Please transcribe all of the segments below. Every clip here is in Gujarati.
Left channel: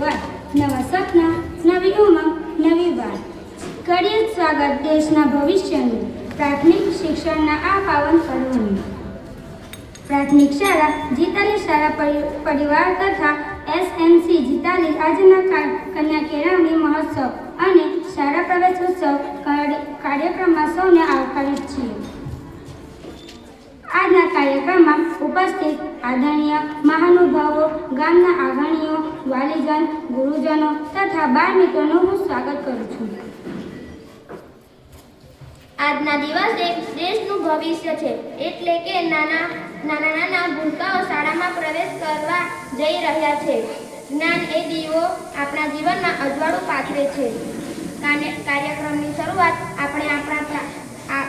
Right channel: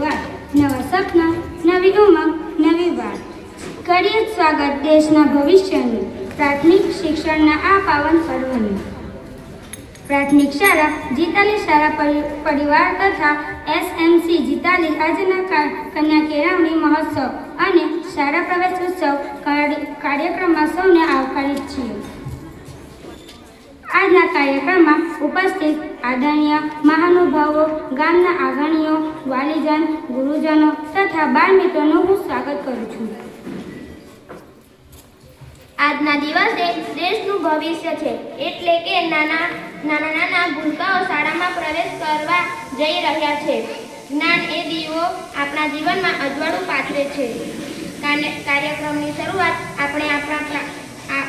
શરૂઆત, નવા સપના, નવી ઉમંગ, નવી વાત. કરીએ સ્વાગત દેશના ભવિષ્યનું, પ્રાથમિક શિક્ષણના આ પાવન પર્વનું. પ્રાથમિક શાળા જીતાલી શાળા પરિવાર તથા SMC જીતાલી આજના કન્યા કેળવણી મહોત્સવ અને શાળા પ્રવેશ ઉત્સવ કાર્યક્રમમાં સૌને આવકારીએ છીએ. આજના કાર્યક્રમમાં ઉપસ્થિત આદરણીય મહાનુભાવો, ગામના આગેવાનો, વાલીજન, ગુરુજનો તથા બાળ મિત્રોનું હું સ્વાગત કરું છું. આજના દિવસે દેશનું ભવિષ્ય છે, એટલે કે નાના ભૂલકાઓ શાળામાં પ્રવેશ કરવા જઈ રહ્યા છે. જ્ઞાન એ દીવો આપણા જીવનમાં અજવાળું પાથરે છે. કાર્યક્રમની શરૂઆત આપણે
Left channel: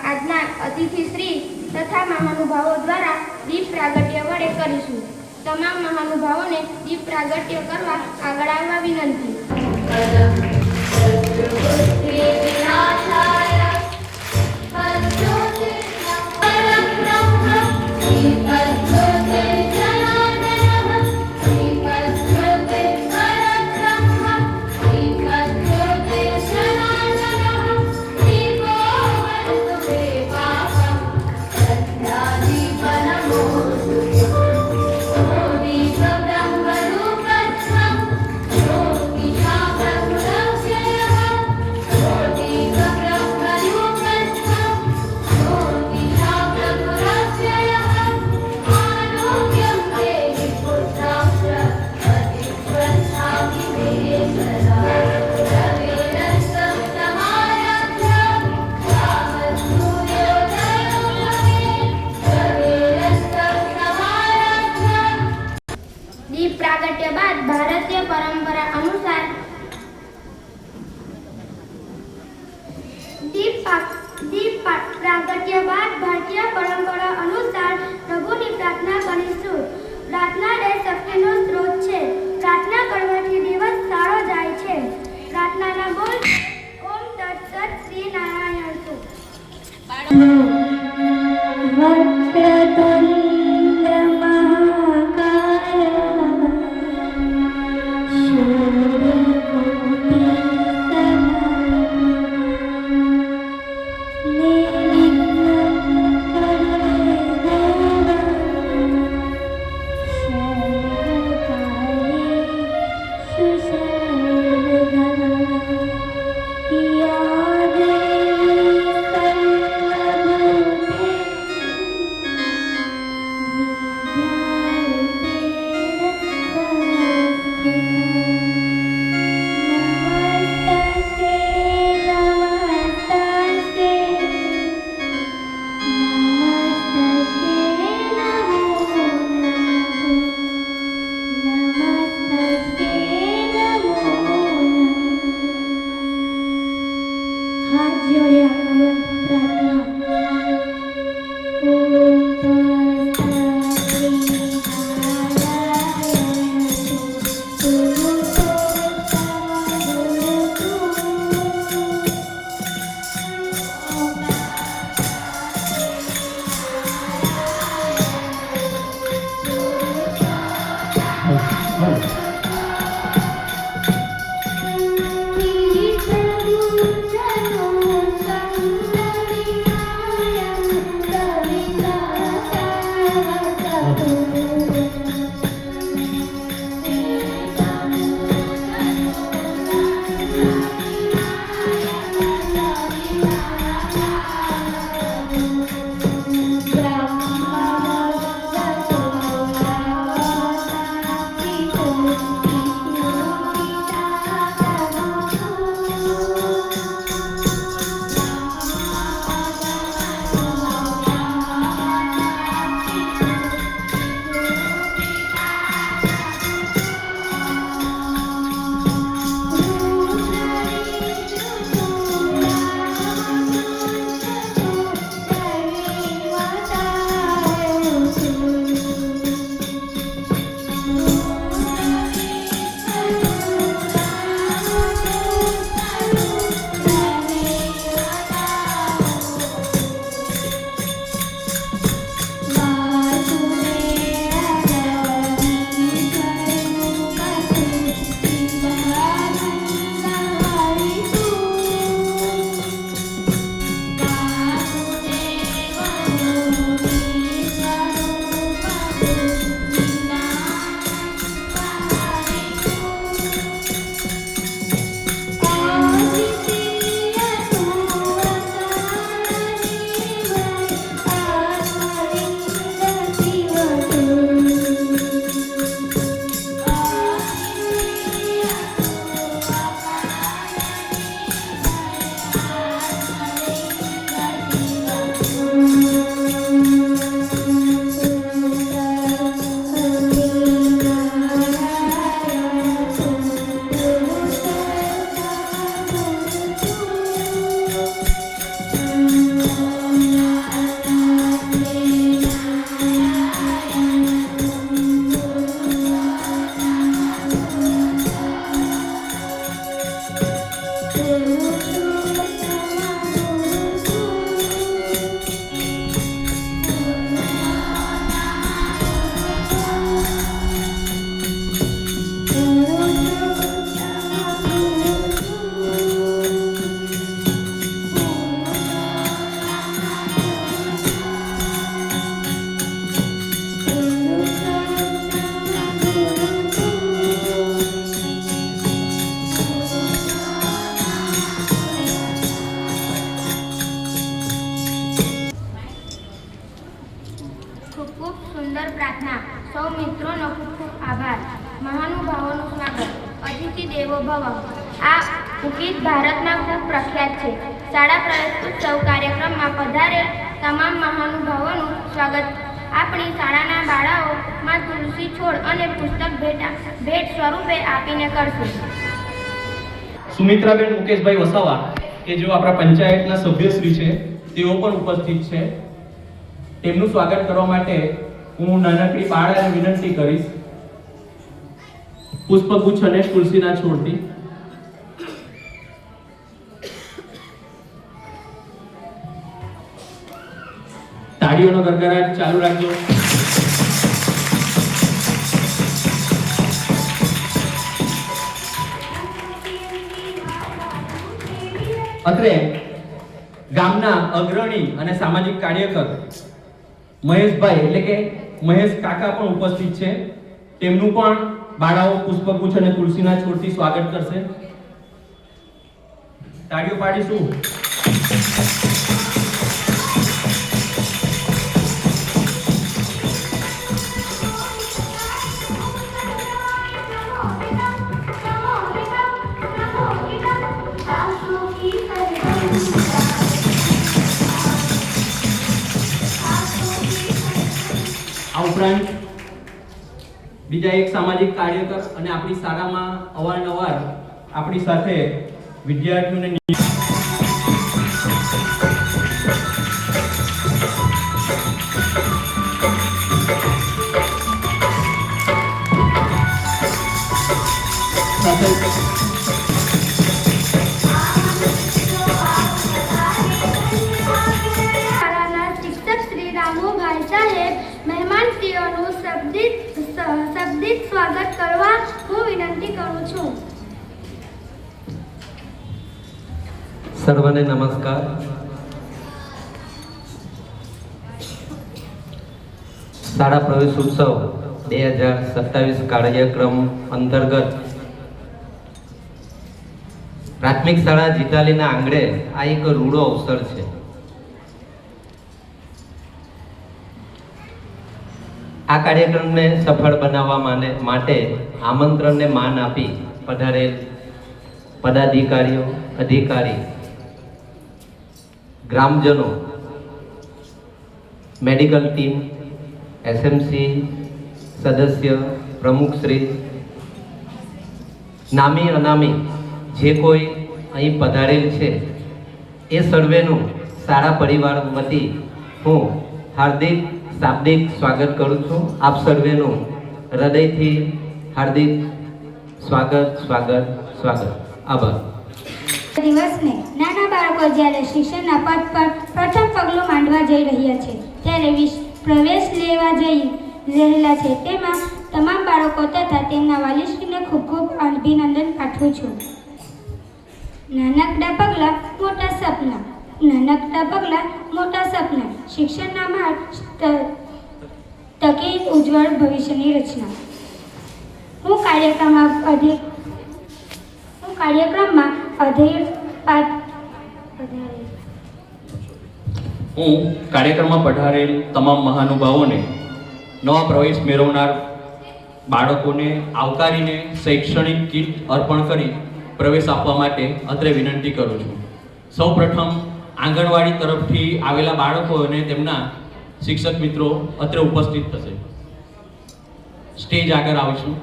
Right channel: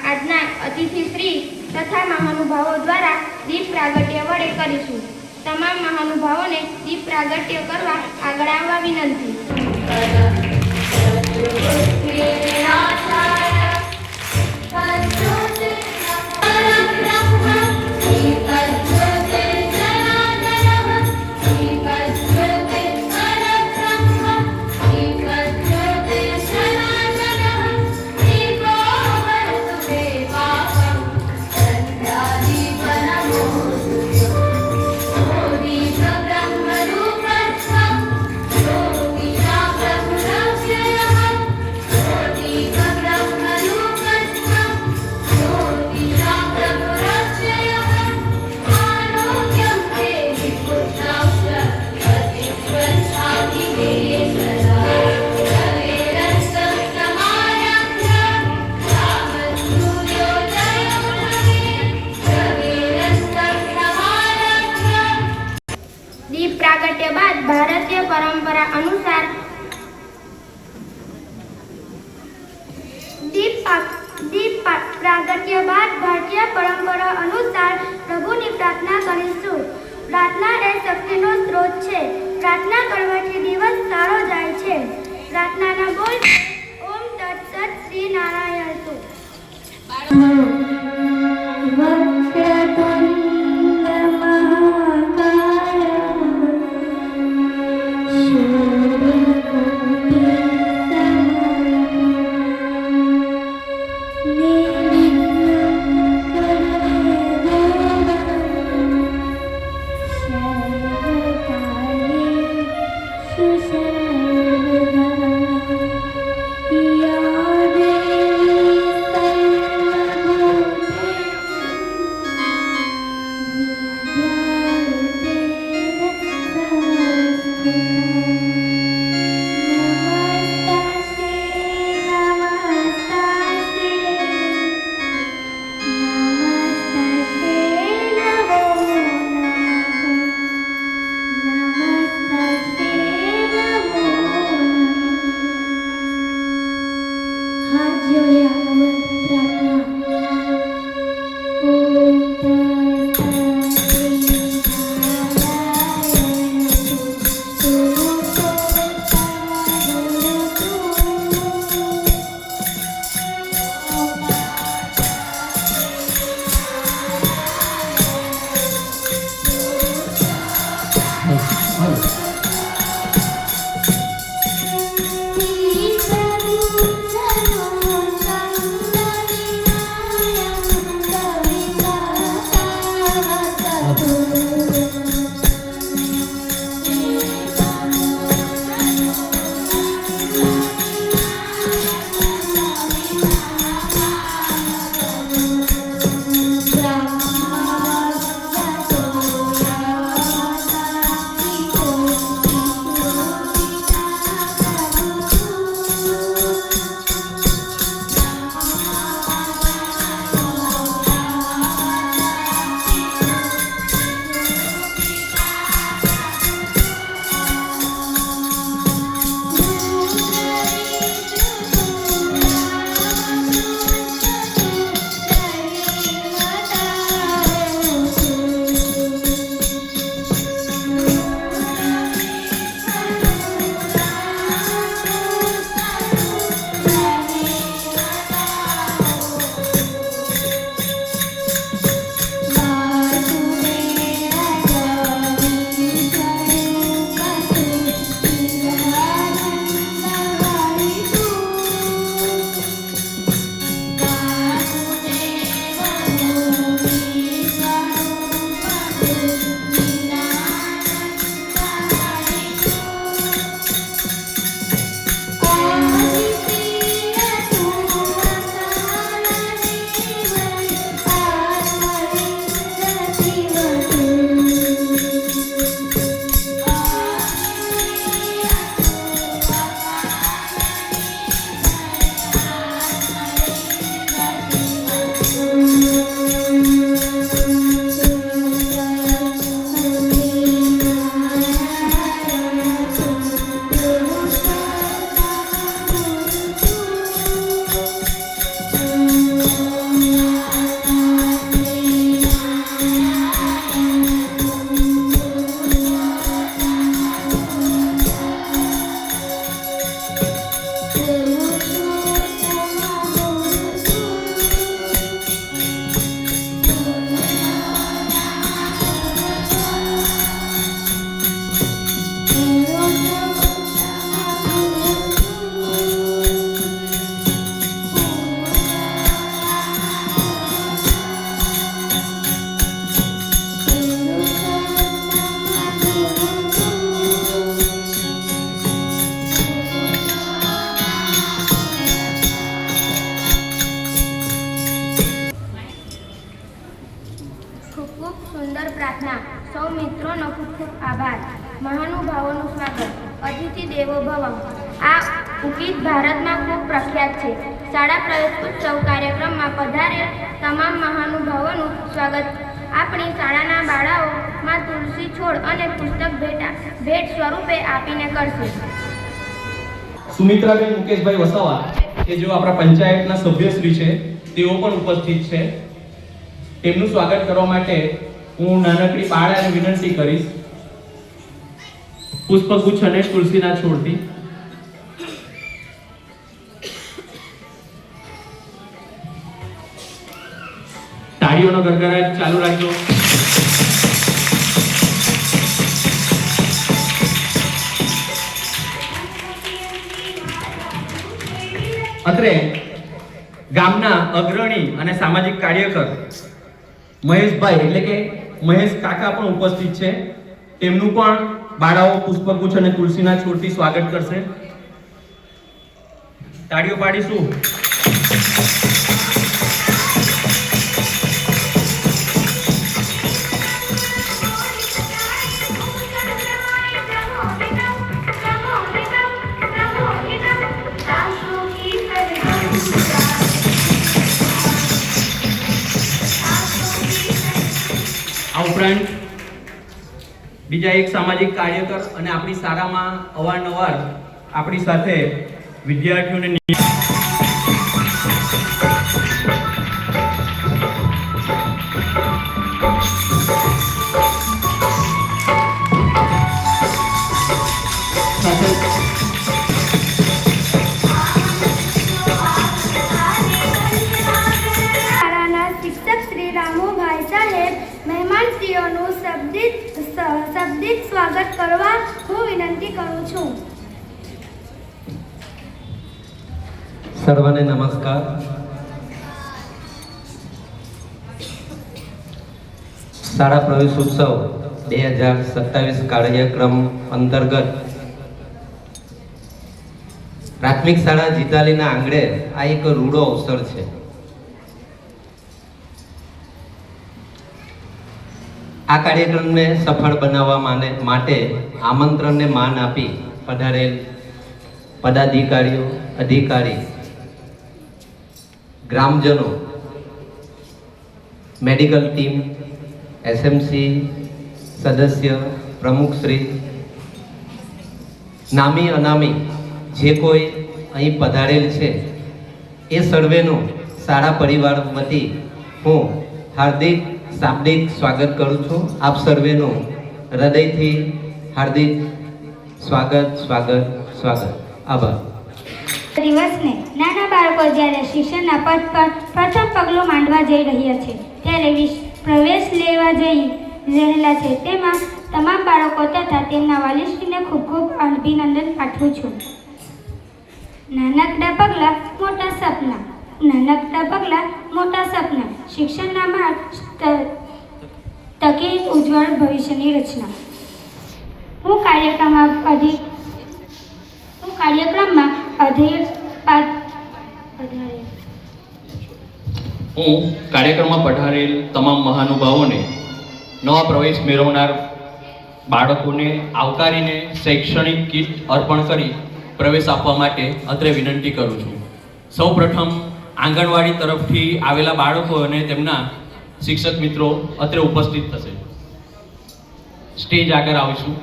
આજના અતિથિશ્રી તથા મહાનુભાવો દ્વારા દીપ પ્રાગટ્ય વડે કરીશું. તમામ મહાનુભાવોને દીપ પ્રાગટ્ય કરવા આગળ આવવા વિનંતી. દીપ પ્રાગટ્ય બાદ ભારતીય પરંપરા અનુસાર પ્રભુની પ્રાર્થના કરીશું. પ્રાર્થના એ શક્તિનો સ્ત્રોત છે. પ્રાર્થના કરવાથી દિવસ સારો જાય છે. પ્રાર્થનાના બોલ ઓમ તત્સત શ્રી નારાયણ છે. મહાનુભાવોનું સ્વાગત. અતિથિ દેવો ભવ. આ ગીત ભારતમાં ખૂબ પ્રખ્યાત છે. શાળા પ્રવેશ ઉત્સવ કાર્યક્રમમાં પધારેલ તમામ મહાનુભાવોનું સ્વાગત આપણી શાળાના બાળાઓમાં તુલસી છોડ અને પુસ્તક ભેટ સ્વરૂપે આપીને કરશે. સુમિત્રાબેન મુકેશભાઈ વસાવા કે જેઓ આપણા પંચાયતના સભ્યશ્રી છે તેઓ પણ ઉપસ્થિત છે. તેમનું સ્વાગત કરવા માટે હું નાનકડી બાળાને વિનંતી કરીશ પુષ્પગુચ્છ અને તુલસીના છોડથી. તાળીઓનો ગડગડાટ ચાલુ રાખજો. અત્રે ગામના અગ્રણી અને સામાજિક કાર્યકર મહેશભાઈ એટલે કે મહેશ કાકા પણ ઉપસ્થિત છે. તેમનું પણ બાળાઓ પુષ્પગુચ્છ અને તુલસીના છોડથી સ્વાગત કરશે. તાળીઓ પાડીશું. આ ઉપરાંત બીજા એક સામાજિક કાર્યકર અને આપણી શાળામાં અવારનવાર આપણી સાથે વિદ્યાર્થીઓને શાબ્દિક સ્વાગત કરવા હું વિનંતી કરું છું. સર્વને નમસ્કાર. શાળા પ્રવેશ ઉત્સવ 2027 કાર્યક્રમ અંતર્ગત પ્રાથમિક શાળા જીતાલીના આંગણે આ એક રૂડો અવસર છે. આ કાર્યક્રમને સફળ બનાવવા માટે આમંત્રણને માન આપી પધારેલ પદાધિકારીઓ, અધિકારી, ગ્રામજનો, મેડિકલ ટીમ, એસએમસી સદસ્ય, પ્રમુખશ્રી, નામી અનામી જે કોઈ અહીં પધારેલ છે એ સર્વેનું શાળા પરિવાર વતી હું હાર્દિક શાબ્દિક સ્વાગત કરું છું. આપ સર્વેનું હૃદયથી હાર્દિક સ્વાગત. આભાર. દિવસને નાના બાળકો જ્યારે શિક્ષણના પથ પર પ્રથમ પગલું માંડવા જઈ રહ્યા છે ત્યારે પ્રવેશ લેવા જઈ રહેલા છે તેમાં તમામ બાળકો તથા તેમના વાલીશ્રીને ખૂબ ખૂબ અભિનંદન પાઠવું છું. નાનકડા પગલાં મોટા સપના. નાનકડા પગલાં મોટા સપના. શિક્ષણના માર્ગ તકે ઉજ્જવળ ભવિષ્યની રચના. હું કાર્યક્રમમાં પધારેલ તમામ મહાનુભાવોને નવા પ્રવેશ મેળવનાર બાળકોને આવકારીને શૈક્ષણિક કીટ અર્પણ કરી પ્રવેશ આપવા માટે અત્રે વિનંતી કરું છું. સૌપ્રથમ આંગણવાડી તરફથી આવેલા બાળકો અને તેમના શિક્ષક મિત્રો અત્રે ઉપસ્થિત થશે. સ્ટેજ આગળ આવીશું.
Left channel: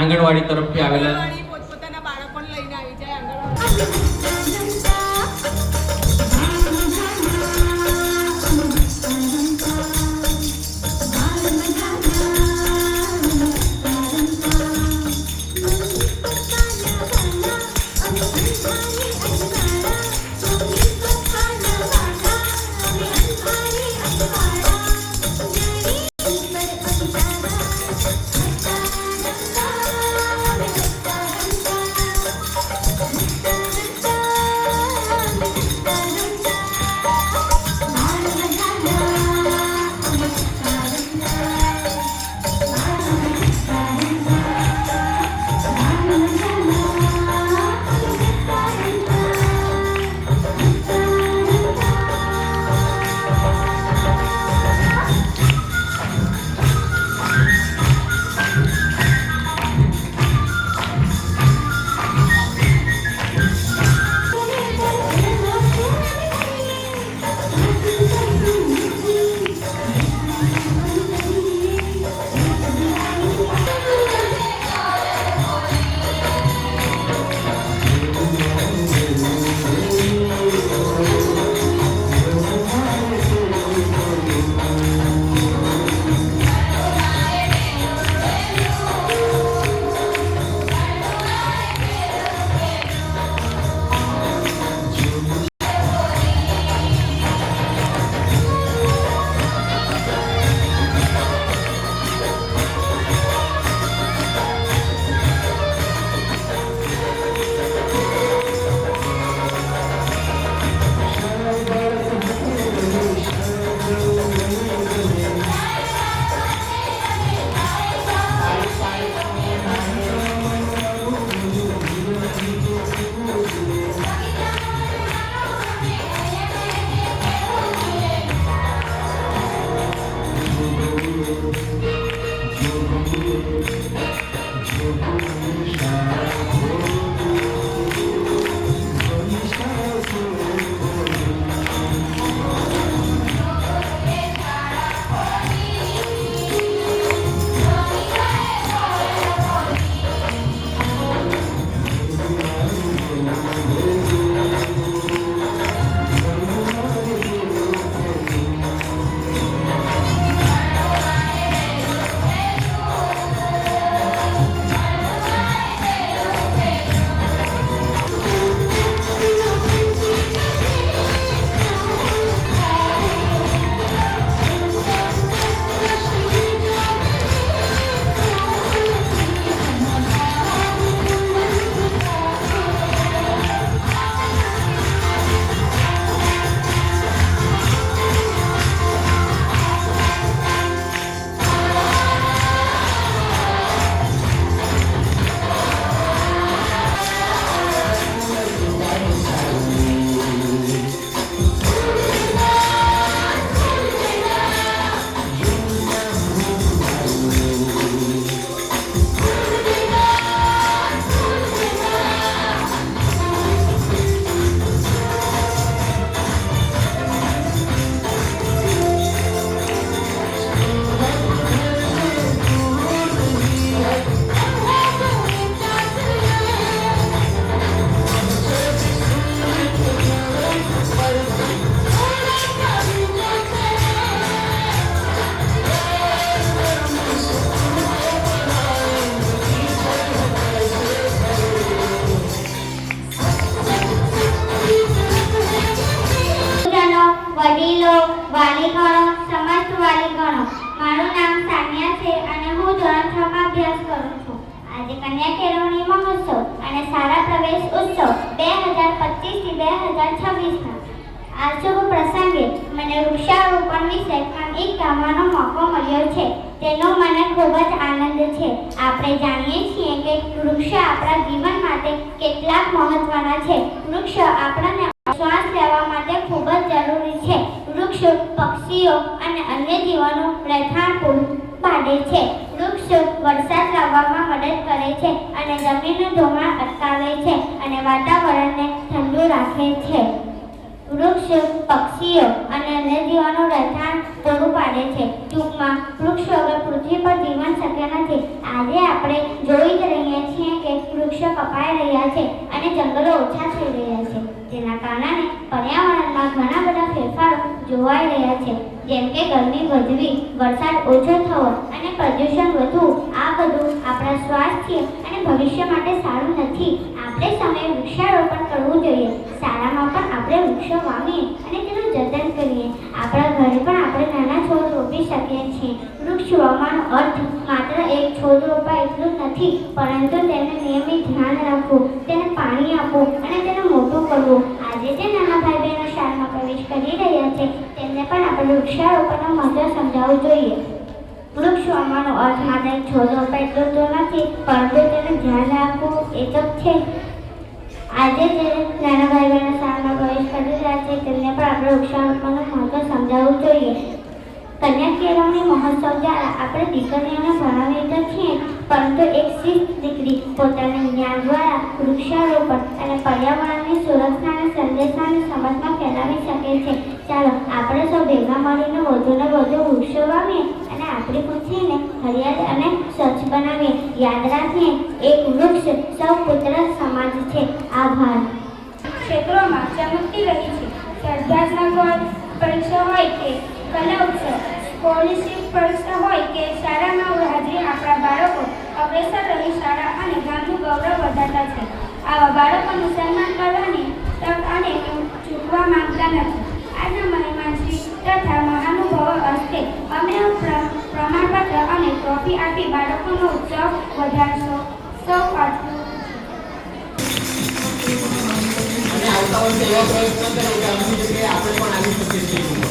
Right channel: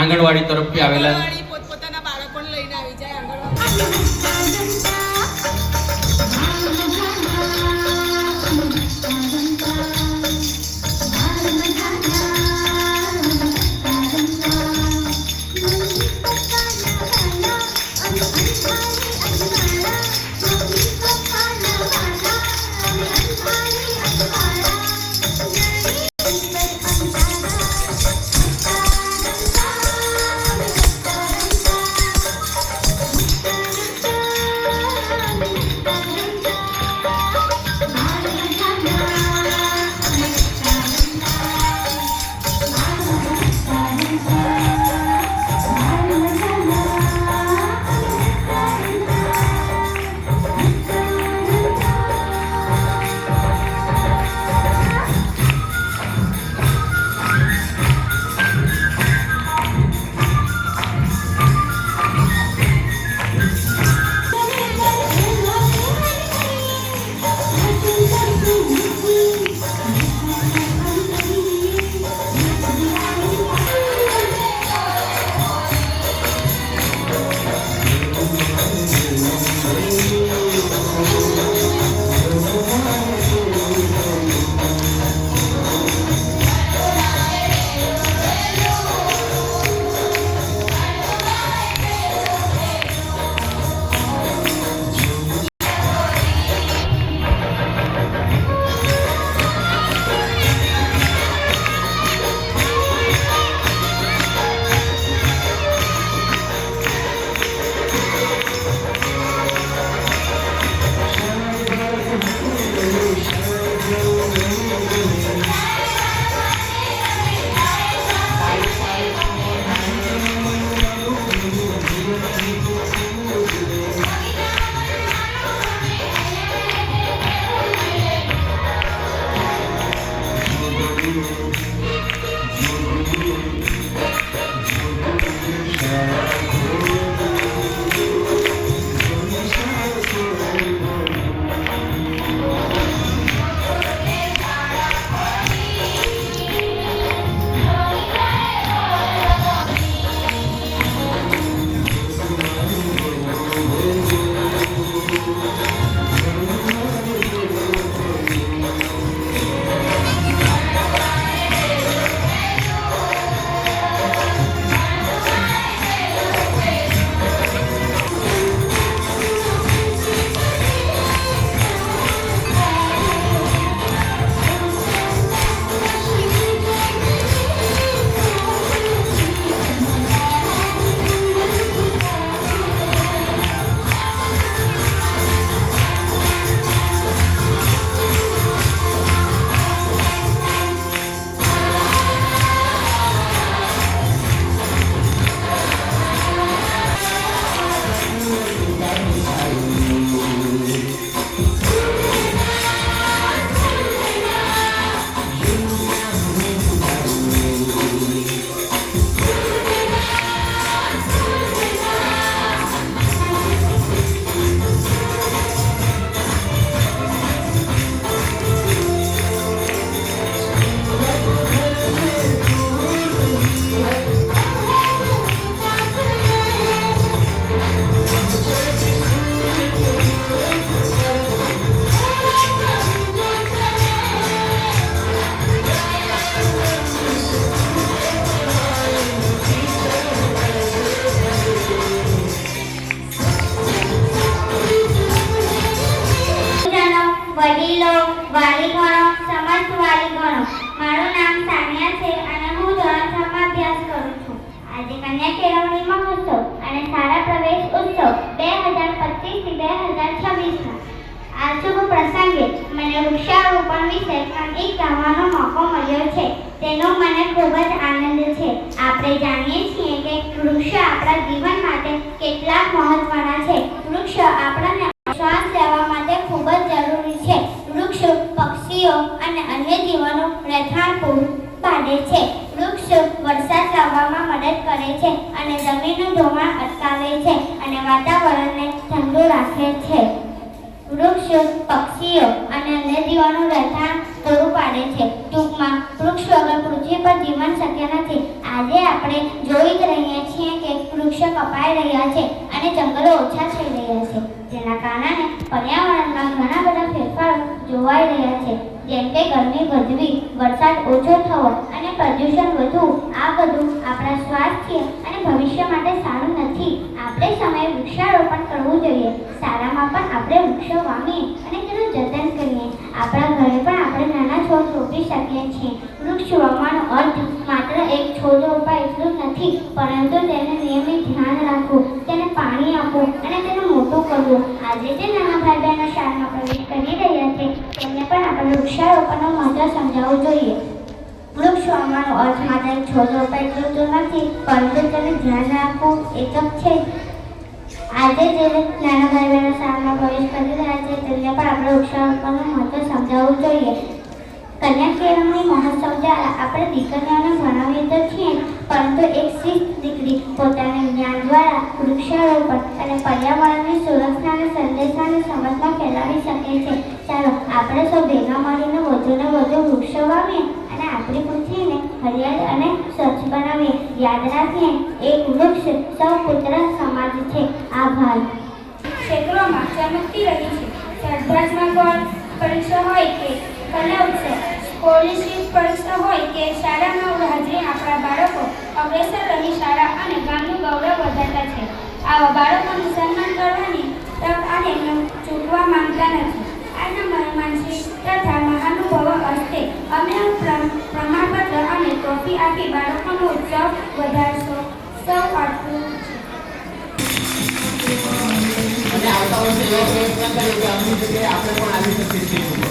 આંગણવાડી તરફથી આવેલા પોતપોતાના બાળકોને લઈને આવી જાય. અભ્યાસ કરું છું. આજે કન્યા કેળવણી મહોત્સવ અને શાળા પ્રવેશ ઉત્સવ 2025 થી 2026 આ શુભ પ્રસંગે મને વૃક્ષારોપણ વિશે કંઈક કહેવાનો મોકો મળ્યો છે. તેનો મને ખૂબ જ આનંદ છે. આપણે જાણીએ છીએ કે વૃક્ષ આપણા જીવન માટે કેટલા મહત્વના છે. વૃક્ષ આપણને શ્વાસ લેવા માટે ખૂબ જ જરૂરી છે. વૃક્ષ પક્ષીઓ અને અન્ય જીવોનો રહેઠાણ પૂરું પાડે છે. વૃક્ષ વરસાદ લાવવામાં મદદ કરે છે અને જમીનનું ધોવાણ અટકાવે છે અને વાતાવરણને ઠંડુ રાખે છે. વૃક્ષ પક્ષીઓ અને અન્ય જીવોનું રહેઠાણ પૂરું પાડે છે. ટૂંકમાં વૃક્ષ વગર પૃથ્વી પર જીવન શક્ય નથી. આજે આપણે જોઈ જ રહ્યા છીએ કે વૃક્ષો કપાઈ રહ્યા છે અને જંગલો ઓછા થઈ રહ્યા છે. તેના કારણે પર્યાવરણમાં ઘણા બધા ફેરફારો જોવાઈ રહ્યા છે, જેમ કે ગરમી વધવી, વરસાદ ઓછો થવો અને પ્રદૂષણ વધવું. આ બધું આપણા સ્વાસ્થ્ય અને ભવિષ્ય માટે સારું નથી. આપણે સમયે વૃક્ષારોપણ કરવું જોઈએ. શાળામાં પણ આપણે વૃક્ષો વાવીએ અને તેનું જતન કરીએ. આપણા ઘરે પણ આપણે નાના છોડ રોપી શકીએ છીએ. વૃક્ષ વાવવાનો અર્થ માત્ર એક છોડ રોપવા એટલું જ નથી, પરંતુ તેને નિયમિત ધ્યાન રાખવું, તેને પાણી આપવું અને તેને મોટું કરવું. આજે જે નાના ભાઈ બહેનો શાળામાં પ્રવેશ કરી રહ્યા છે તેમને પણ આપણે વૃક્ષારોપણનું મહત્વ સમજાવવું જોઈએ. વૃક્ષ વાવવાનો અર્થ માત્ર એક છોડ રોપવા એટલું જ નથી, પરંતુ તેને ધ્યાન રાખવું એ તો છે. આજે જે નાના ભાઈ બહેનો શાળામાં પ્રવેશ કરી રહ્યા છે તેમને પણ આપણે વૃક્ષારોપણનું મહત્વ સમજાવવું જોઈએ. કન્યા કેળવણી મહોત્સવ દ્વારા આપણે દીકરીઓને ભણાવીએ તો છીએ, પરંતુ એક શિસ્ત દીકરી પોતાના જ્ઞાન દ્વારા વૃક્ષારોપણ અને પર્યાવરણની સુરક્ષાના સંદેશાને સમાજમાં ફેલાવી શકે છે. ચાલો આપણે સૌ ભેગા મળીને વધુને વધુ વૃક્ષો વાવીએ અને આપણી પૃથ્વીને હરિયાળી અને સ્વચ્છ બનાવીએ. યાદ રાખીએ, એક વૃક્ષ સૌ પુત્ર સમાજ છે. આભાર. ક્ષેત્રોમાં ચમકતી રહી છે. સ્પર્ધાત્મક પરીક્ષા હોય કે કલા ઉત્સવ, સ્કોલરશીપ પરીક્ષા હોય કે શાળામાં હાજરી આપણા બાળકો અગ્રેસર રહી શાળા અને ગામનું ગૌરવ વધારતા છે. આવા બાળકોનું સન્માન કરવાની તક અને ચૂકવા માંગતા નથી. આજના મહેમાનશ્રી તથા મહાનુભાવો હસ્તે અમે પ્રમાણપત્ર અને ટ્રોફી આપી બાળકોનો ઉત્સવ વધારશો. સૌ આટલું અને આવતા વર્ષે એવા પ્રયત્ન કરે કે અમની જગ્યાએ આપણે પણ આવી શકીએ છીએ.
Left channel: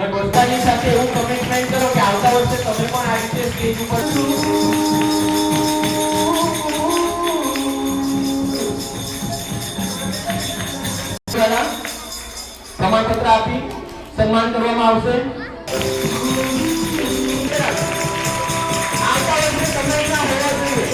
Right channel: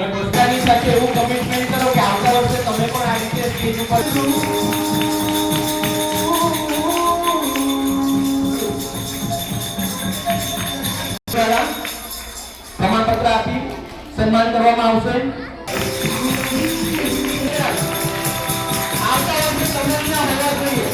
ગઢવસ્તાની સાથે એવું કમિટમેન્ટ કરો કે આવતા વર્ષે તમે પણ આ રીતે સ્ટેજ ઉપર પ્રમાણપત્ર આપી સન્માન કરવામાં આવશે. આવતા વર્ષે તમે ના હોવા જોઈએ.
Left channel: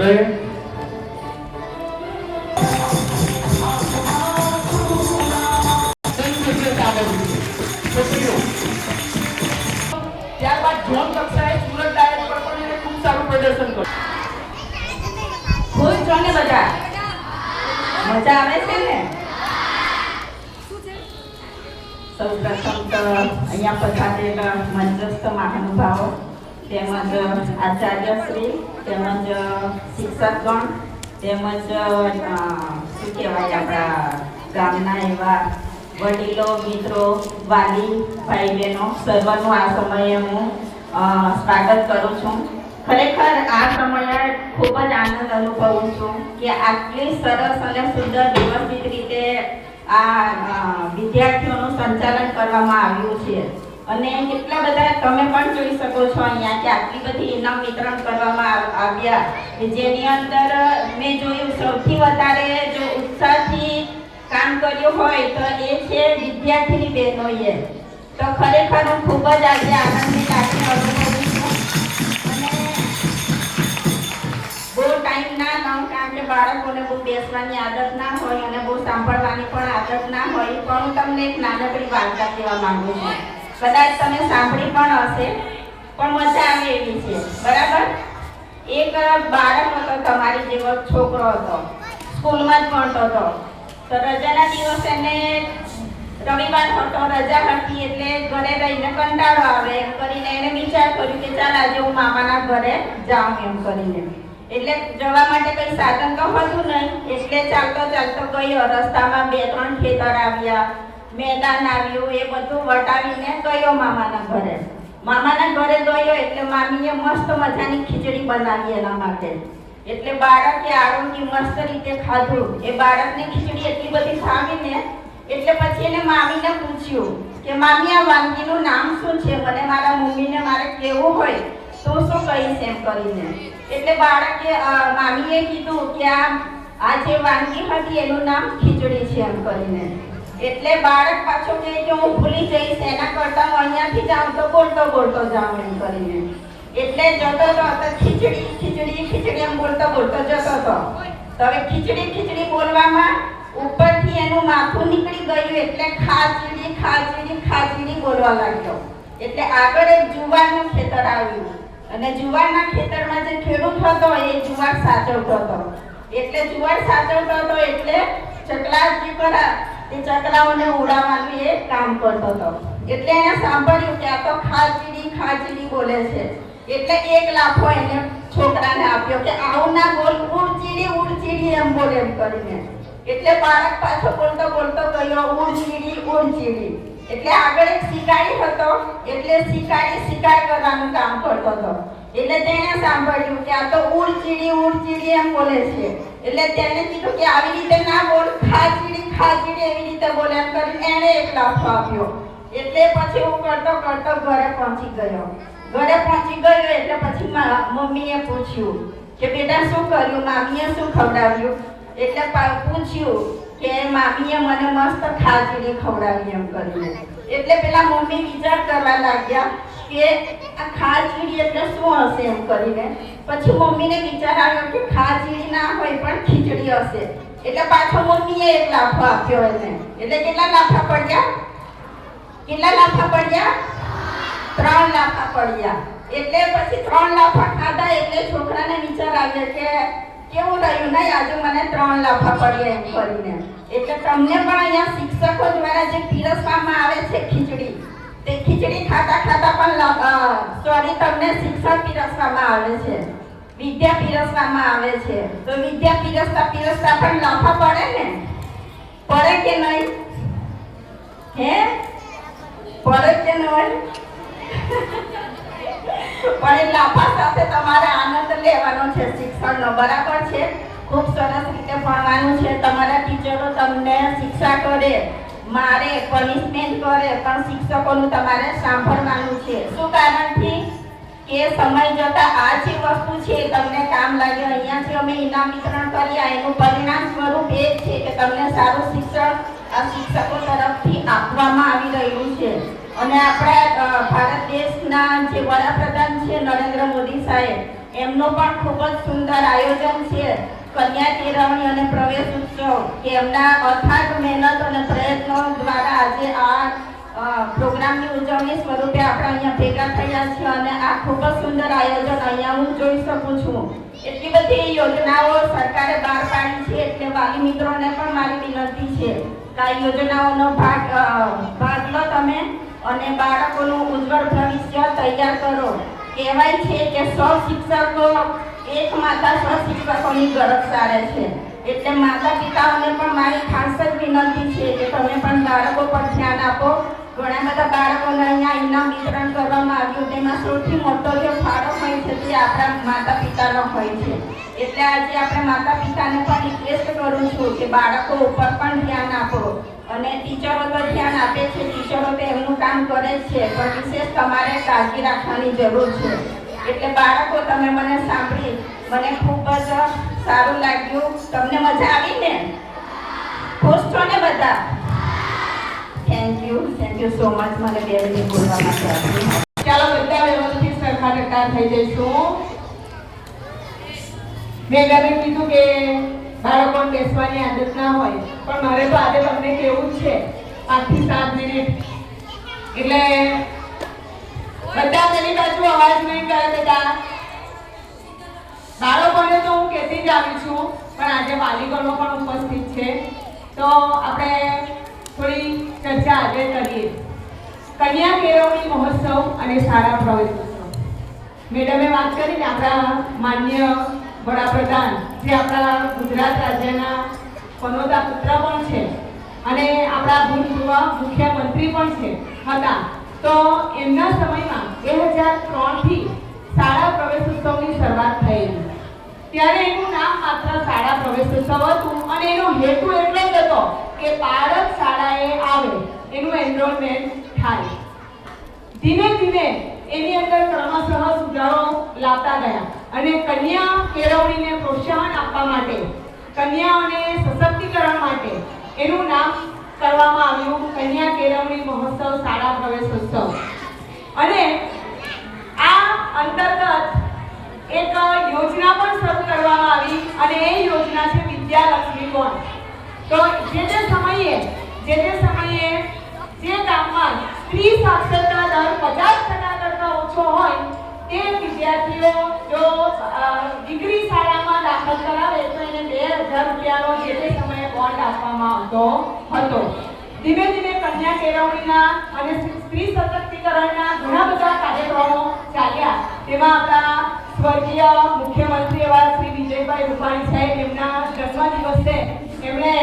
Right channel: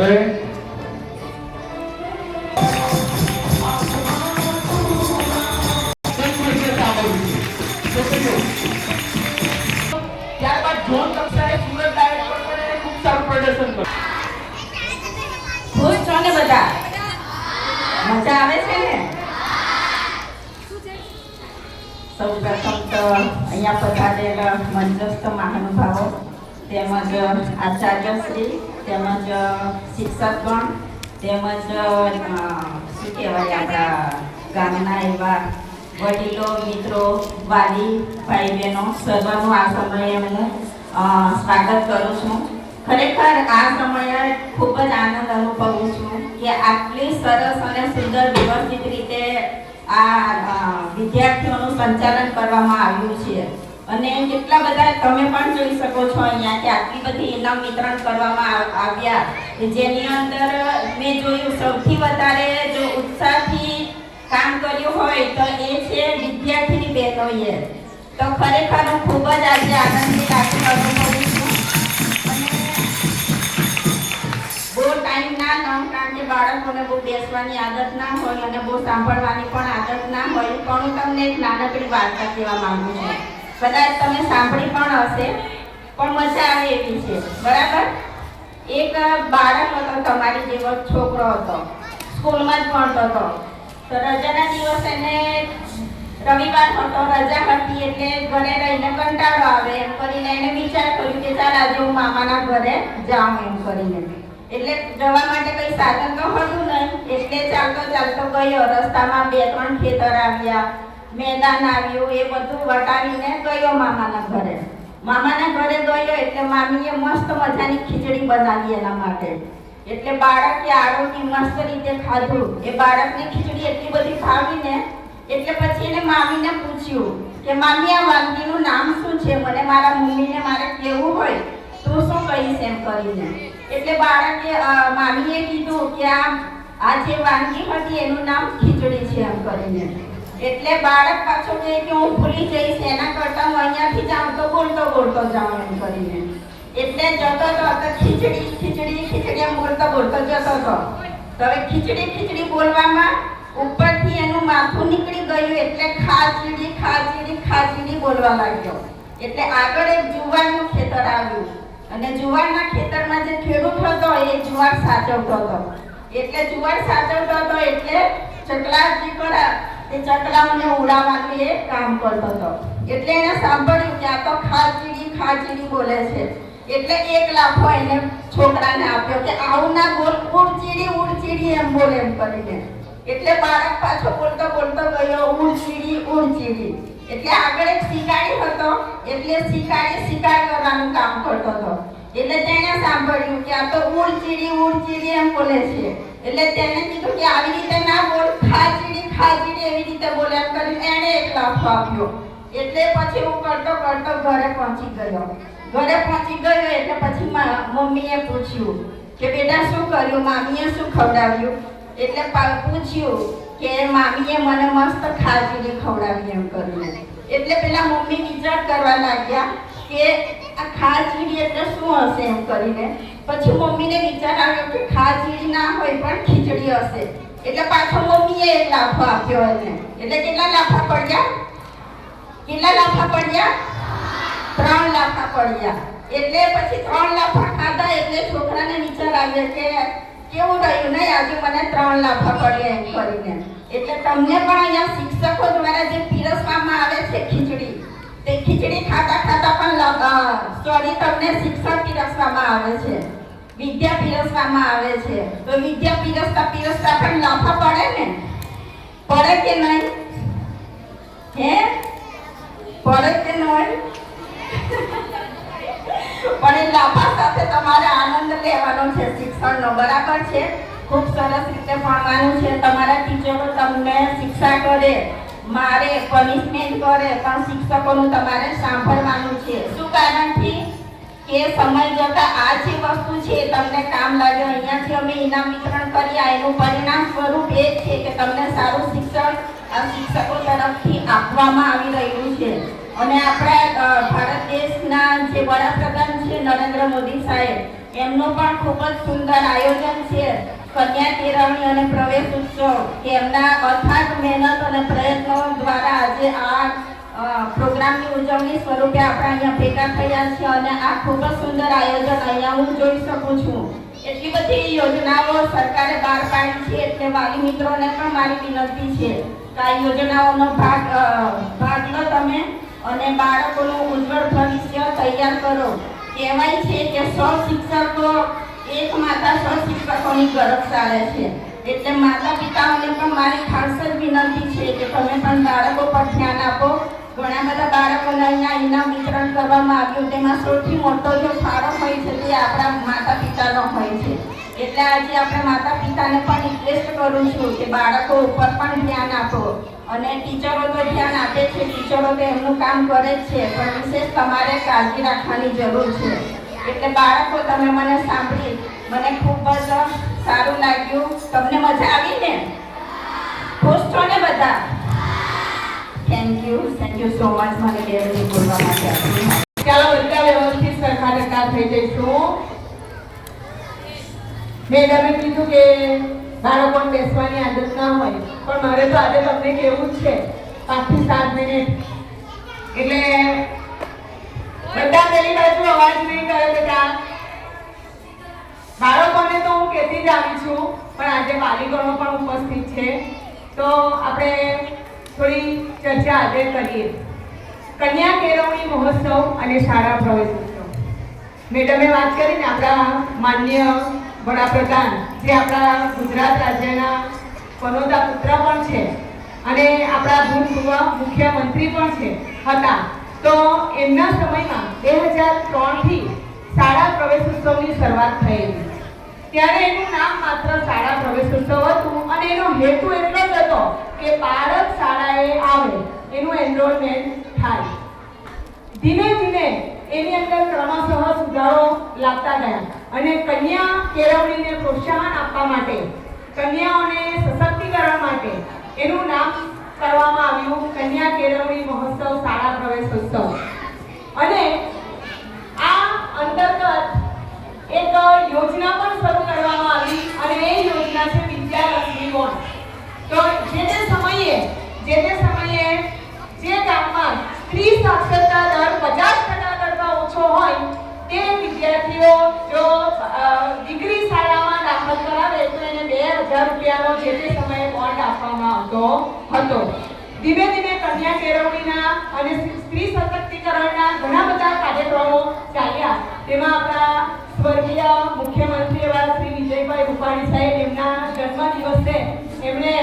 રહે ત્યારબાદ ઝોન કક્ષાએ સુરત ડાયટ પર પણ એને ખૂબ સારું પ્રદર્શન કર્યું. ખુશ છો ને બધા? મજા આવે છે ને? સૌ પ્રથમ તો અહીંયા પધારેલા મંચસ્થ મહાનુભાવો તેમજ આચાર્યશ્રી તેમજ શિક્ષકગણ તેમજ શું કહેવાય આપણા ગામના એવા વડીલો, મિત્રો, વાલી, ભાઈ બહેનો સર્વનું આ સમયે હું સ્વાગત કરું છું. ખરેખર આ સમયે ખૂબ જ આનંદ અનુભવું છું કે આટલી સરસ અને સુંદર વ્યવસ્થિત રીતે આ વિદ્યાર્થીઓનું સંચાલન કરવામાં આવ્યું છે. અને કેટલા બધા તમે પણ જોઈ શકો છો અહીંયા કે આટલી બધી ઇનામ વિતરણ કરવામાં આવ્યા, જેની અંદર મેં જોયું સૌથી વધારે જો ઉત્સાહથી કામ કર્યું હોય તો એ છે વિદ્યાર્થીની બહેનોએ. તો ખરેખર હું ખૂબ જ આજે આનંદની લાગણી અનુભવું છું. અને બહુ ટાઈમ ના ન, કારણ કે બાળકોને બહુ બેસવાની આદત ના હોય અને બહુ સાંભળવાની પણ આદત ના હોય, પણ હું તમને એક નાનકડી વાર્તા કહેવા માંગુ છું. કદાચ તમે સાંભળી પણ હશે, પણ મજા આવે એવી છે. બરાબર? એક બાળક હતો, તમારી જેવો છોકરો હતો, સ્કૂલમાં જ ભણતો હતો. તો રજાના દિવસે એને રવિવાર હતો, રજા હતી, એટલે ઘરે રહીને કંટાળો આવે એમ કરીને એને વિચાર કર્યું કે ચાલ આજે હું મામાના ઘરે જાઉં એમ કરીને. એટલે જવા માટે કઈ સાધન તો હતું નહીં, એટલે ચાલતો ચાલતો ગયો. રસ્તામાં 2-3 ખેતર આવ્યા, મેદાન આવ્યું, એ બધું વટાવીને ગયો મામાના ઘરે. મામાના ઘરે ગયો એટલે મામીએ મસ્ત મજાની ખીચડી બનાવી એના માટે. એટલે બાળકે આરોગી મસ્ત રીતે ખાધું. એ બાળકને ખીચડી એટલી બધી ભાવીને એટલે પછી એને મામીને પૂછ્યું કે મામી આ વાનગીનું નામ શું છે, મને મારા મમ્મીને મારે કહેવું હોય તું શું કહીશ એમ કરીને. એટલે બાળકે મામીએ કીધું કે આ જે વાનગી હતી એનું નામ ખીચડી છે એમ કરીને. એટલે બાળક પાછો કહે કે હું ભૂલી જઈશ, એના કરતા હું અહીંયાથી જાઉં તો બોલતો જાઉં એમ કરીને. એટલે જતો તો ખીચડી ખીચડી ખીચડી એમ બોલતો જતો હતો. તો હવે ખીચડી બોલવામાં ઉપરથી એનું માથું નીકળી ગયું, એટલે ખાચીડી ખાચીડી ખાચીડી બોલવા લાગ્યો. એટલે આગળ એક જુવારનું ખેતર આવ્યું અને જુવારના ખેતરમાં જે ખેડૂત હતો એ જુવાર સાચવતો હતો. એટલે જુવાર સાચવતો હતો એટલે ચકલા જે ખરા તે ચકલાઓને ઉડાવવાનું એ કામ કરતો હતો. એટલે એને સાંભળ્યું કે આ તો ખાચીડી ખાચીડી બોલે છે. એટલે એક લાફો એને છોકરાને આપ્યો કે આવું ના બોલ, ઉડચીડી એમ બોલે એમ કરીને. એટલે બાળક પાછો બોલતો ગયો ઉડચીડી. એટલે આગળ એક શિકારી હતો, એટલે શિકારી શિકાર કરવાનું કામ કરતો હતો. એટલે તેને સાંભળ્યું કે આ તો ઉડચીડી એમ બોલે છે. એટલે તેને કીધું કે આવી રીતે ના બોલ, ખાચીડી એવી રીતે બોલે એમ કરી એને એક લાફો આપ્યો. એટલે પછી હું કરતો ઘરે પહોંચી ગયો. એટલે પછી મમ્મીએ પૂછ્યું કે બેટા શું કર્યું, મામીએ શું ખવડાવ્યું? એટલે પૂછ્યું કે મામીએ મને મસ્ત ખાચીડી ખવડાવી એમ કરીને. એટલે પેલા મમ્મી વિચાર કરવા લાગ્યા કે આ ખાચીડી એટલે શું હશે એમ કરીને. પછી મમ્મીને વિચાર આવ્યો કે ખાચીડી ના હોય પણ ખીચડી હશે. એટલે પાછો મમ્મીએ એક લાફો આપ્યો એને. એટલે કેટલા લાફા પડ્યા? 3 લાફા પડ્યા. એટલે પછી 3 લાફા ખાધા એટલે છોકરાને વિચાર આવ્યો કે કેવું રહ્યું નહીં, આજે મને 3 લાફા પડ્યા એમ કરીને. એટલે તમને પણ અહીંયા શિક્ષકો દ્વારા જે પીરસવામાં આવે છે ખીચડી, તે ખીચડી ખાતા પણ તમને શિક્ષણ પીરસવામાં આવે છે, વિદ્યા પીરસવામાં આવે છે. તો વિદ્યા પીરસતા પણ લાફા પડે ને? પડે કે નહીં? હે પડે કે નહીં? પણ એ લાફા સાથે તમારે આનંદ લેવાનો છે શિક્ષણનો. બરાબર છે? ખૂબ સરસ રીતે ભણવાનું છે. તમારા ટીચરો તમને શિક્ષા કરે, મારે પનિશમેન્ટ કરે, પણ શિક્ષકોનું તમારે સાંભળવાનું છે. શું કારણથી? કે સમય જતા આ જે વસ્તુ છે તમને કામ લાગે. અહીંયાથી અમે ઇનામ વિતરણ કર્યા, એનું પરિણામ સ્વરૂપ એ છે કે તમને સારું શિક્ષણ આ શિક્ષકો તરફથી આપવામાં આવી રહ્યું છે. અને આપણા ભારત દેશના જે વડાપ્રધાન છે નરેન્દ્ર મોદી સાહેબ, એમનું પણ ખૂબ જ સુંદર આયોજન છે કન્યા કેળવણી અને પ્રવેશ ઉત્સવ, કે એમના અથાગ મહેનત અને પ્રયત્નો દ્વારા આજે આ પ્રોગ્રામની ઉજવણી સ્વરૂપે આપણે અહીંયા ભેગા થયા છે. અને આ ખૂબ જ સુંદર આયોજન અહીંયા હું જોઈ શકું છું. એટલી બધી યોજનાઓ સરકારે બહાર પાડી છે. એટલે વાલી મિત્રોને પણ મારી વિનંતી છે કે આ યોજનાઓનો ભાગ લો તમે અને બાળકોનું ઉજ્જવળ ભવિષ્ય તૈયાર કરો. કહેવાય છે કે 100 શિક્ષકો એક માતા 100 શિક્ષકોની ગરજ સારે છે. એટલે માતા પિતાઓને પણ મારી ખાસ જ વિનંતી છે કે તમે પણ બાળકો પર ધ્યાન આપો. ઘણા બધા બાળકોને અહીંયા ઇનામ વિતરણ કરવામાં આવ્યું, તેમાં સૌથી મોટો જે ફાળો હોય છે તે આપણા માતા પિતાનો હોય છે. એટલે આજે આપણે માતા પિતાને પણ રિક્વેસ્ટ કરું છું કે બાળકો ઉપર પણ ધ્યાન આપો. અને ટીચરો તો ધ્યાન આપે છે, ટીચરો તો એમનું કામ કરે જ છે, પણ વિશેષ તમારે કાળજી રાખવાની જરૂર છે. એટલે બાળકો તમે મને સાંભળી મને ખૂબ જ સારું લાગ્યું. તમને મજા આવી ને? ખુશ છો ને બધા? થેન્ક યુ સો મચ મને 2 મિનિટ બોલવા માટે આપી. ચાલો બધા વ્યવસ્થિત સરખાને કાર થઈ જઈશું. મેડમે કીધું કે બાળકોને બેસવાની આદત ના હોય, પણ મારે તો આજે તમને કહેવું જ છે 5 થી 7 મિનિટ. એટલે બધા પેલી બાજુ અવાજ નહીં કરે બેટા. બાળકોને તો હું કહેતી જ આવી છું, પણ આજે વાલીગણો પણ ઉપસ્થિત છે, તો આપણે થોડી ચર્ચા આજે કરીએ. કન્યા કેળવણી મહોત્સવ અને શાળા પ્રવેશોત્સવ. મેડમે વાત કરીને આપણા માન્ય વડાપ્રધાન જે આપણા ગુજરાત રાજ્યના કનોજા પુત્ર પણ છે અને આપણા ભૂતપૂર્વ મુખ્યમંત્રી પણ હતા, તો એમના સમયમાં 2003 થી શાળા પ્રવેશોત્સવની શરૂઆત થયેલી. ત્યારે એનું નામ માત્ર શાળા પ્રવેશોત્સવ હતું અને એનો હેતુ એટલો જ હતો કે બાળક શાળાએ આવે, એનું એનરોલમેન્ટ થાય. ધીમે ધીમે એની અંદર ક્રમશઃ સુધારો લાવતા ગયા અને કન્યા કેળવણીને પ્રોત્સાહન આપવા માટે, કન્યાઓને સશક્તિકરણ માટે એનું નામ કરવામાં આવ્યું કન્યા કેળવણી મહોત્સવ શાળા પ્રવેશોત્સવ. અને આ અંતર્ગત એક યોજના પણ શરૂ કરવામાં આવી અને એ યોજના છે વિદ્યાલક્ષ્મી બોન્ડ. તો જે તે સમયે જે ગામમાં સ્ત્રી સાક્ષરતા દર 50% કરતા ઓછો હોય તે વિદ્યાર્થીઓ જો દીકરી શાળામાં દાખલ કરાવે તો એને 2000 રૂપિયાનો જે તે સમયે બોન્ડ આપવામાં આવતો હતો. ધીમે ધીમે કન્યા કેળવણીના અને સ્ત્રી સશક્તિકરણના ઘણા બધા કાર્યક્રમો ચાલ્યા. તેમાં આપણા સ્વર્ગીય મુખ્યમંત્રી એવા શ્રી વિજયભાઈ રૂપાણી સાહેબ એમના જન્મદિવસે એમણે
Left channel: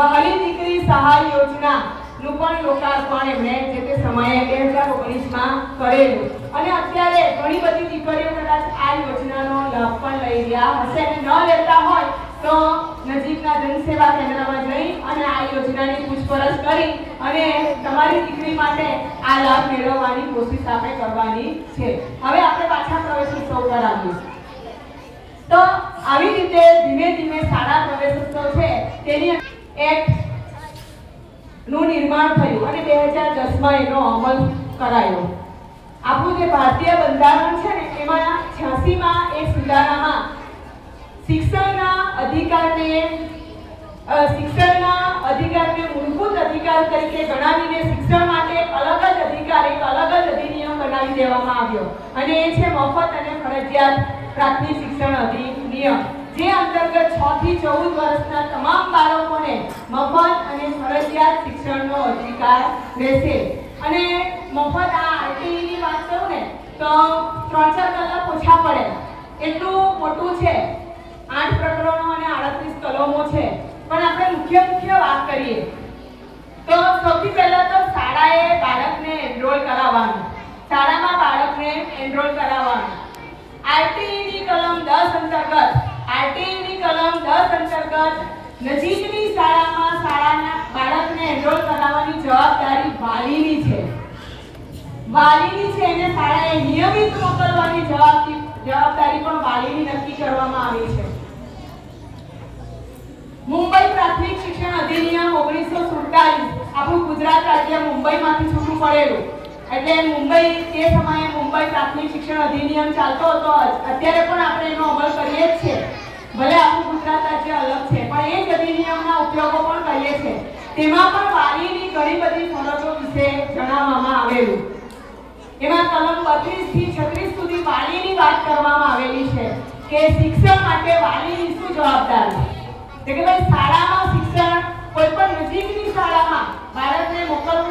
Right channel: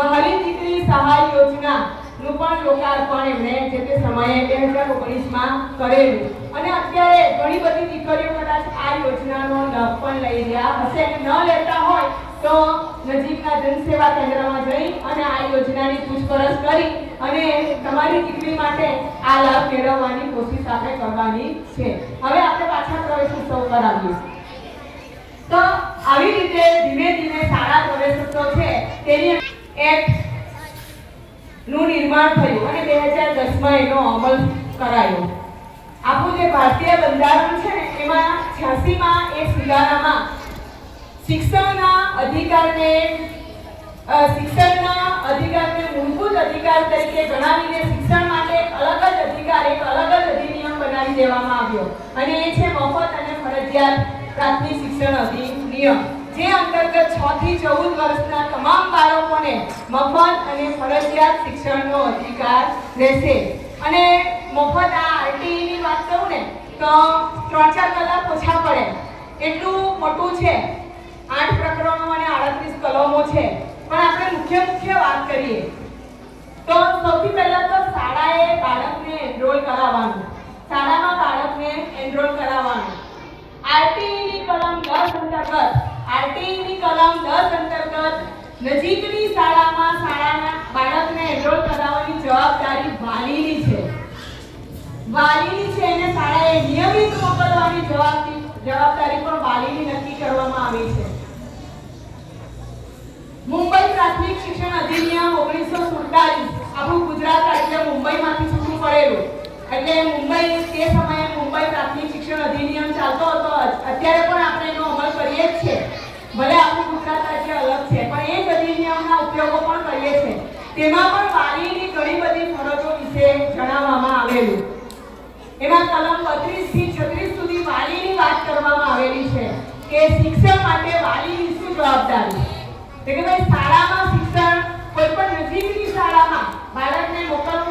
વહાલી દીકરી સહાય યોજનાનું પણ લોકાર્પણ એમણે જે તે સમયે 2019માં કરેલું. અને અત્યારે ઘણી બધી દીકરીઓ કદાચ આ યોજનાનો લાભ પણ લઈ રહ્યા હશે અને ન લેતા હોય તો નજીકના જનસેવા કેન્દ્રમાં જઈ અને આ યોજનાની પૂછપરછ કરી અને તમારી દીકરી માટે આ લાભ મેળવવાની કોશિશ આપણે કરવાની છે. હવે આપણે પાછા પ્રવેશોત્સવ પર આવીએ. તો આવી રીતે ધીમે ધીમે શાળા પ્રવેશોત્સવ છે તેની એક્ટ નું નિર્માણ થયું અને 2010માં એનો અમલ કરાયો. આપણું જે ભારતીય બંધારણ છે ને એમાં 86માં એ સુધારામાં શિક્ષણના અધિકારને મૂળભૂત અધિકાર તરીકે ગણાવીને શિક્ષણ માટે અલગ જ અધિકાર, એક અલગ જ અધિનિયમ બનાવી દેવામાં આવ્યો અને એ છે મફત અને ફરજિયાત પ્રાથમિક શિક્ષણ અધિનિયમ, જે અંતર્ગત 6 થી 14 વર્ષના તમામ બાળકોને મફત અને ફરજિયાત શિક્ષણનો અધિકાર રહેશે. અને મફત આ આરટીઈની વાત કરું ને તો 3-4 કલાક ઓછા પડે એટલું મોટું છે. 8 પ્રકરણો અને 38 કલમો છે. પણ આપણે મુખ્ય વાત કરીએ તો સૌથી પહેલા તો શાળાએ બાળકને એનરોલ કરાવવાનું, શાળામાં બાળકને એનરોલ કરાવવાનું. આરટીઈની કલમ 10 અંતર્ગત નજીકની શાળાના બાળકને એનરોલ કરાવવાની જવાબદારી વાલીની છે. એને શાળાએ નિયમિત મોકલવાની જવાબદારી પણ વાલીની નક્કી કરવામાં આવી છે. મુંબઈ પ્રાથમિક શિક્ષણ અધિનિયમ 1947 આપણું ગુજરાત રાજ્ય મુંબઈમાંથી છૂટું પડેલું એટલે મુંબઈ તે સમયે મુંબઈ પ્રાથમિક શિક્ષણ અધિનિયમ ચાલતો હતો. અત્યારે પણ આપણે એનો અમલ કરીએ જ છીએ, ભલે આપણું ગુજરાત રાજ્ય અલગ છે પણ એ જ અધિનિયમના ઉપયોગો પણ કરીએ છીએ. તેમાં પણ વાલીની ઘણી બધી ફરજો વિશે જણાવવામાં આવેલું. એમાં કલમ 32 થી 36 સુધી વાલીની વાત કરવામાં આવેલી છે કે શિક્ષણ માટે વાલીની શું જવાબદારી. એટલે કે ભાઈ શાળામાં શિક્ષણ કોઈ પણ નજીકની શાળામાં બાળકને મોકલવા